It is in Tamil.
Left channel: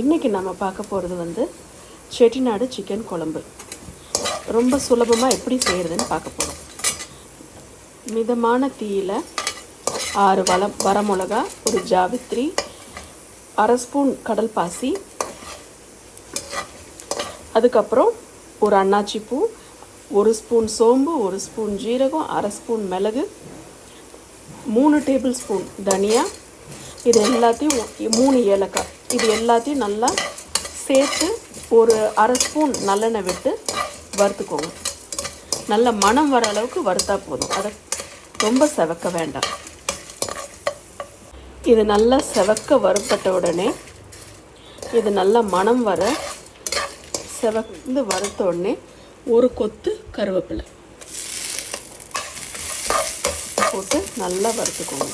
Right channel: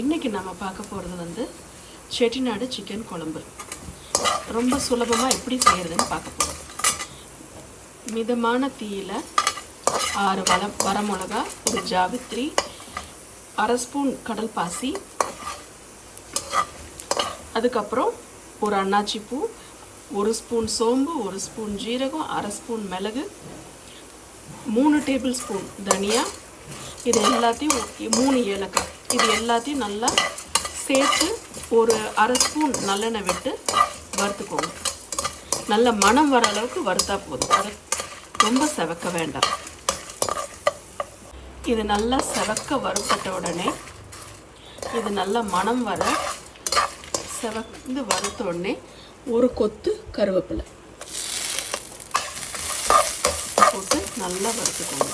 இன்றைக்கி நம்ம பார்க்க போகிறது வந்து செட்டிநாடு சிக்கன் குழம்பு. ரொம்ப சுலபமாக எப்படி செய்கிறதுன்னு பார்க்க போகிறோம். மிதமான தீயில் 6 வரமிளகா, ஒரு ஜாவித்ரி, 1/2 ஸ்பூன் கடல் பாசி, அதுக்கப்புறம் ஒரு அன்னாச்சி பூ, 1 ஸ்பூன் சோம்பு, 1 ஸ்பூன் ஜீரகம், 1/2 ஸ்பூன் மிளகு, 3 டேபிள் ஸ்பூன் தனியா, இது எல்லாத்தையும் 3 ஏலக்காய், இது எல்லாத்தையும் நல்லா சேர்த்து ஒரு 1/2 ஸ்பூன் நல்லெண்ணெய் விட்டு வறுத்துக்கோங்க. நல்ல மணம் வர அளவுக்கு வறுத்தா போதும், அதை ரொம்ப செவக்க வேண்டாம். இது நல்லா செவக்க வறுப்பட்ட உடனே இது நல்லா மணம் வர செவந்து வறுத்த உடனே ஒரு கொத்து கருவேப்பிலை போட்டு நல்லா வறுத்துக்கோங்க.